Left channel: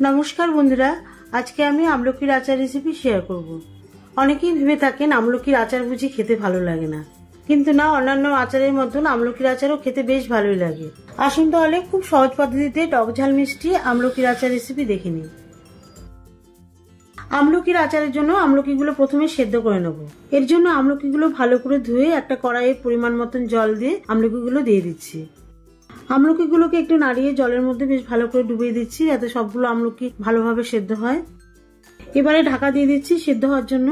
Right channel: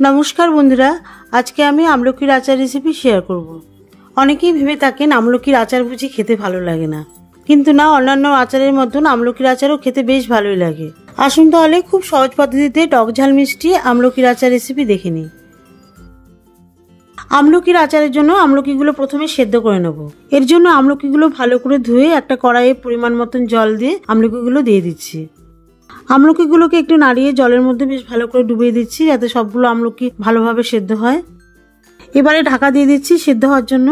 নমস্কার বন্ধুরা, আজকে আমি আমলকির আচার রেসিপি শেয়ার করব। অনেকেই ভেবে থাকেন আমলকির আচার বুঝি খেতে ভালো লাগে না, কিন্তু না, অন্যান্য আচারের মতন আমলকির আচারও খেতে বেশ ভালোই লাগে। আসুন তাহলে খুব সহজ পদ্ধতিতে টক ঝাল মিষ্টি আমলকির আচার রেসিপি দেখে নিই। আমলকির আচারের জন্য আমলকিগুলো প্রথমে সেদ্ধ করে নেব। এর জন্য আমলকিগুলো ভালো করে ধুয়ে একটা কড়াইয়ে পরিমাণ মতন জল দিয়ে আমলকিগুলো দিয়ে দিচ্ছি। আমলকিগুলোকে একটু নাড়িয়ে জলের মধ্যে বেশ ভালো করে ডুবিয়ে দিচ্ছি, যাতে সবগুলো আমলকি ভালোভাবে সেদ্ধ হয়। এবারে ঢাকা দিয়ে দিচ্ছি সেদ্ধ হওয়ার জন্য।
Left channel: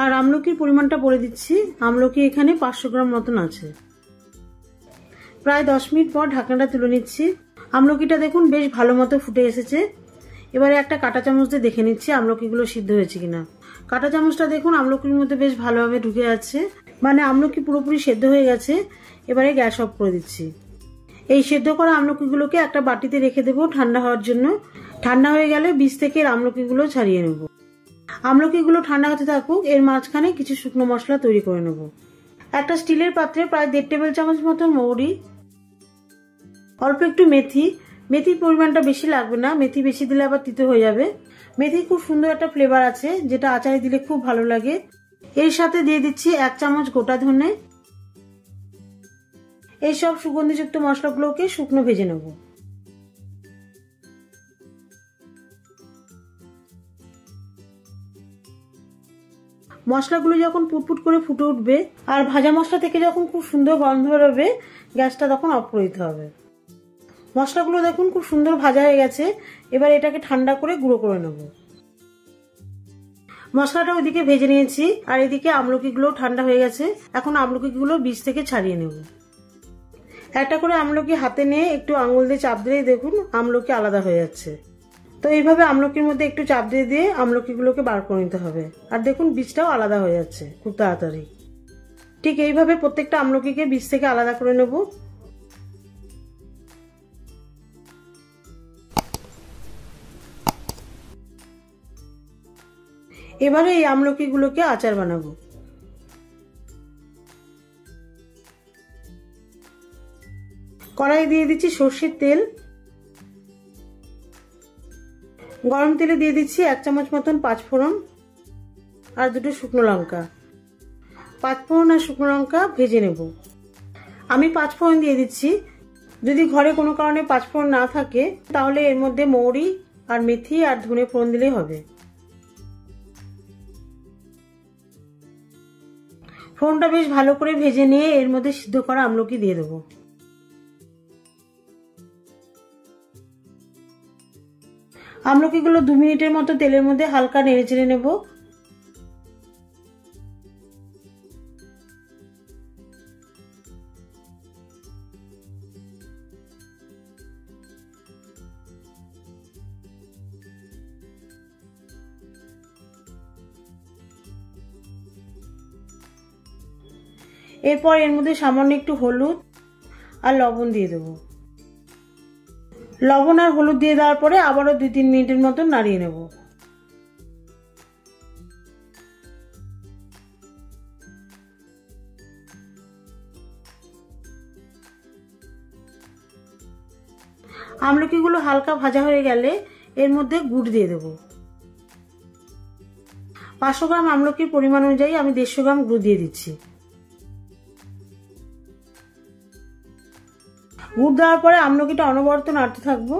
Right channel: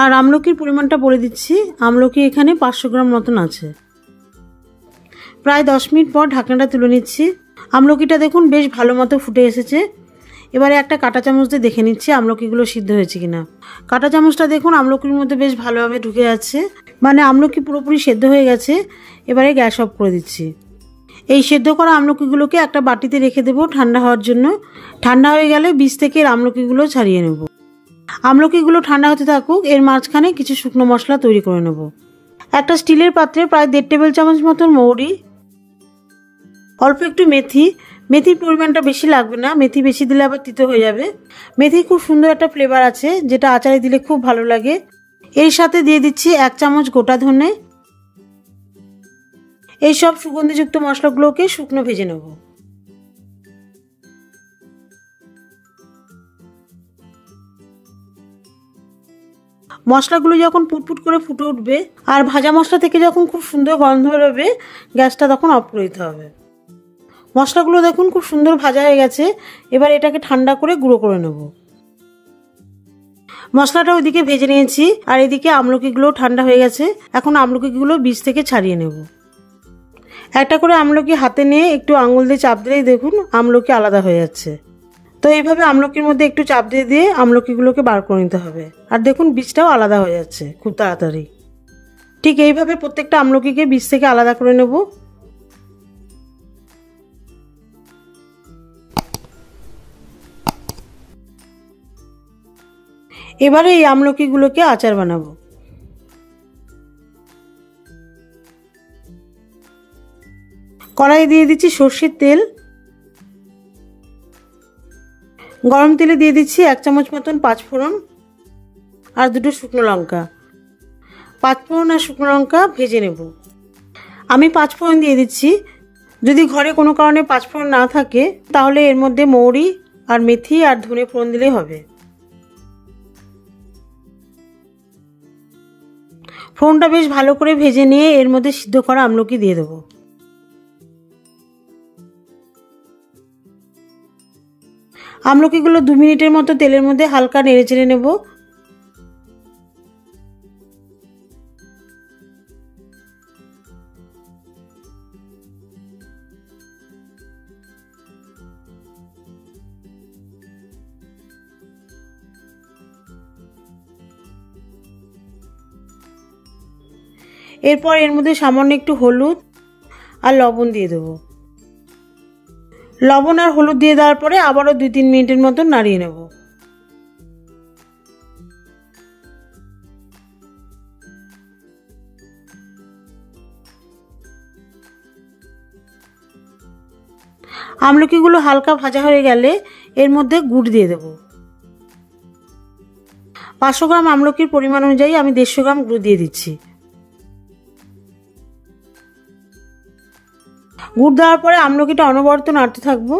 আর আমলকির পরিমাণটা বলে দিচ্ছি। আমলকি এখানে 500 গ্রাম মতন আছে। প্রায় 10 মিনিট পর ঢাকনাটা তুলে নিচ্ছি। আমলকিটা দেখুন বেশ ভালো মতো ফুটে এসেছে। এবারে একটা কাঁটা চামচ দিয়ে দেখে নিচ্ছি আমলকিগুলো সিদ্ধ হয়েছে কিনা। কাঁটা চামচটা দেখুন আমলকির মধ্যে বেশ ভালোভাবে ঢুকে যাচ্ছে, মানে আমলকি পুরোপুরি সেদ্ধ হয়ে গেছে। এবারে গ্যাস অফ করে দিচ্ছি। এই সেদ্ধ করা আমলকিগুলোকে একটা বাটিতে রেখে দেবো ঠান্ডা হওয়ার জন্য। ঠান্ডা হয়ে গেলে বীজ থেকে আমলকিগুলো ছাড়িয়ে নেব। আমলকিগুলো ঠান্ডা হতে থাকুক, এর মাঝখানে কিছু শুকনো মশলা তৈরি করে নেব। একটা স্টিলের পাত্রে প্রায় 1.5 টেবিল চামচ মতন মৌরি, অল্প একটু মেথি। মেথির পরিমাণটা বেশি লাগবে না, মেথি বেশি দিলে আবার তিতো হয়ে যাবে। মেথি খুব সুন্দর একটা ফ্লেভার আছে, যেটা আচারে দিলে খুব ভালো লাগে। এর সাথে দিয়ে দিচ্ছি 1 চামচ গোটা ধনে। এই সব সুগন্ধিযুক্ত মশলাগুলোকে শুকনো ভেজে নেব। মশলাগুলো যখন পুটপুট করে ফুটে উঠবে আর ভাজা মশলা থেকে যখন খুব সুন্দর গন্ধ বেরোবে, গ্যাসটা তখন অফ করে দিতে হবে। মশলাগুলো দেখুন খুব সুন্দর ভাজা হয়ে গেছে। এবার এটাকে ঠান্ডা করে গুঁড়ো করে নেব। মশলাটা ওইদিকে ভেজে নিয়েছি, আর এদিকে আমলকিগুলো ঠান্ডা হয়ে গেছে। এখন আমলকিগুলো বীজ থেকে ছাড়িয়ে নেব। একটা করে আমলকি হাতে নিয়ে একটু আঙুল দিয়ে চাপ দিলেই দেখুন আমলকি আলাদা হয়ে যাচ্ছে। তো এইভাবে আমলকির মধ্যে একটু চাপ দিয়ে দিয়ে আমলকিগুলোকে বার করে নিতে হবে। আর দেখুন বীজটাও আলাদা হয়ে যাচ্ছে খুব তাড়াতাড়ি। ঠিক এইভাবে প্রত্যেকটা আমলকিকে বীজ থেকে আলাদা করে নেব। এবারে এই আমলকিগুলোকে আচার বানাবো। কড়াই দিয়ে দিচ্ছি সর্ষের তেল। গরম তেলে দিয়ে দিচ্ছি 1 চামচ মতন 5 ফোড়ন আর 2টো শুকনো লঙ্কা। 5 ফোড়ন আর শুকনো লঙ্কা ভেজে নেব। আমি 5 ফোড়ন দিয়ে দিচ্ছি। যদি ঘরে কোনো কারণে 5 ফোড়ন না থাকে, তাহলে এর মধ্যে মৌরি আর মেথি আর ধনে ফোড়ন দিলেই হবে। ফোড়নটা বেশ ভালো করে ভেজে নিয়ে এর মধ্যে সিদ্ধ করা আমলকি দিয়ে দেবো। আমলকিগুলো 2 মিনিটের মতো তেলের মধ্যে হালকা নেড়ে চেড়ে নেব। এরপর এর মধ্যে সামান্য একটু হলুদ আর লবণ দিয়ে দেবো। লবণ আর হলুদ দিয়ে দেওয়ার পরে আবারও 2-3 মিনিটের মতো নাড়িয়ে নেব। আমলকিগুলো হালকা ভাজা হয়ে গেলে এর মধ্যে গুড় দিয়ে দেব। 500 গ্রাম আমলকির পরিমাণ অনুযায়ী আমি 150 গ্রাম গুড় দিয়ে দিচ্ছি। গুড় দেওয়ার পরে আমলকিটা অনবরত নাড়তে থাকবো।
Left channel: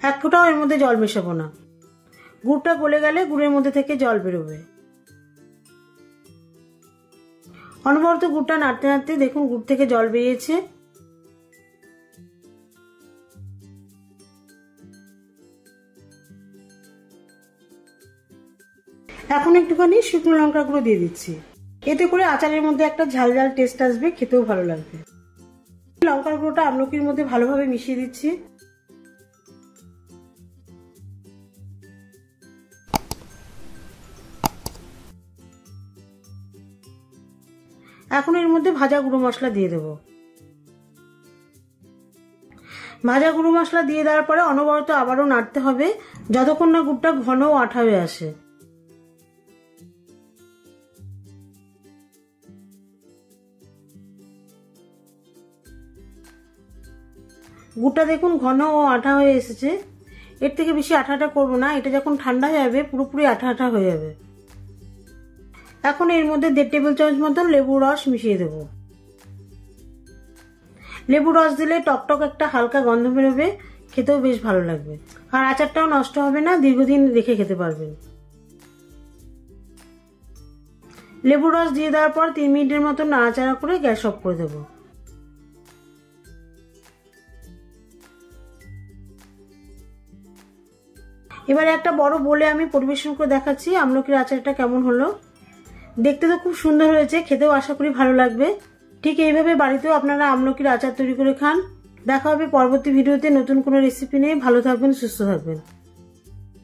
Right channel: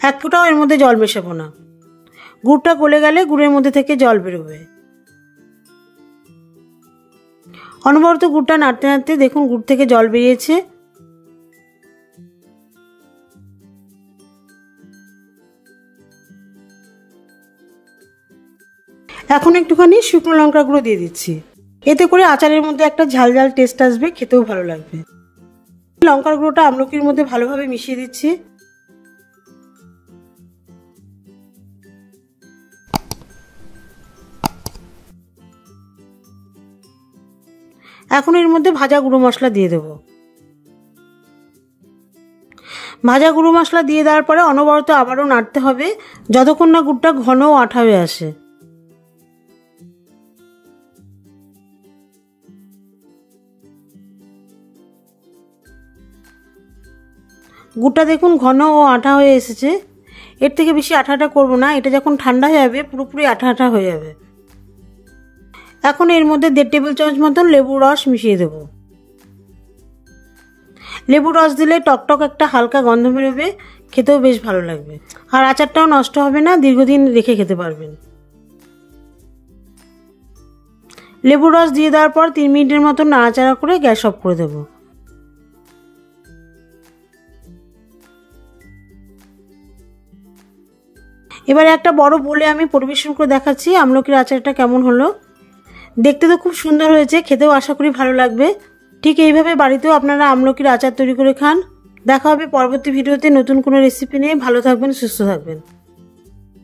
1 ফোঁটাও এর মধ্যে জল মেশাবো না। গুড়টা গলে গেলে গুড়ের মধ্যে থেকে জল বেরোবে। অনবরত গুড়টা নাড়তে নাড়তে দেখুন গুড় থেকে জল বেরিয়েছে। এখন একটুখানি শুকনো লঙ্কা গুঁড়ো দিয়ে দিচ্ছি। এতে করে আচারের মধ্যে একটা ঝাল ঝাল টেস্ট আসবে, খেতেও ভালো লাগবে। লঙ্কার গুঁড়োটা আমলকির মধ্যে ভালোভাবে মিশিয়ে দিচ্ছি। এখন এর মধ্যে ভাজা গুঁড়ো মশলা দিয়ে দেব। ভাজা গুঁড়ো মশলা দিয়ে দেওয়ার পরে অনবরত আবারও নাড়তে হবে, যতক্ষণ না গুড়টা ঘন ও আঠা হয়ে আসে। গুড়টা দেখুন ঘন ও আঠা হয়ে এসেছে। এর থেকে বেশি আঠা আঠা করবো না, এটা যখন ঠান্ডা হয়ে যাবে পুরোপুরি আঠা আঠা হয়ে যাবে। এখন এর মধ্যে 1.5 টেবিল চামচ মতন লেবুর রস মিশিয়ে দেবো। লেবুর রস দিলে টকটক একটা হালকা গন্ধ বেরোবে, খেতেও বেশ ভালো লাগবে, আর আচারটাও নষ্ট হবে না, দীর্ঘদিন রেখে খেতে পারবেন। লেবুর রস দিয়ে দেওয়ার পর 3 মিনিটের মতো নাড়াচাড়া করে গ্যাস অফ করে দেবো। এবারে একটা বড় বোলে আমি পরিবেশন করে দেখাচ্ছি আমলকির আচারটা কেমন হলো। দেখতে তো খুব সুন্দর হয়েছে, খেতেও আশা করি ভালো লাগবে। ঠিক এইভাবে বাড়িতেও আপনারা আমলকির আচার তৈরি করে খান। দেখা হবে পরবর্তী ভিডিওতে নতুন কোনো রেসিপি নিয়ে। ভালো থাকবেন, সুস্থ থাকবেন।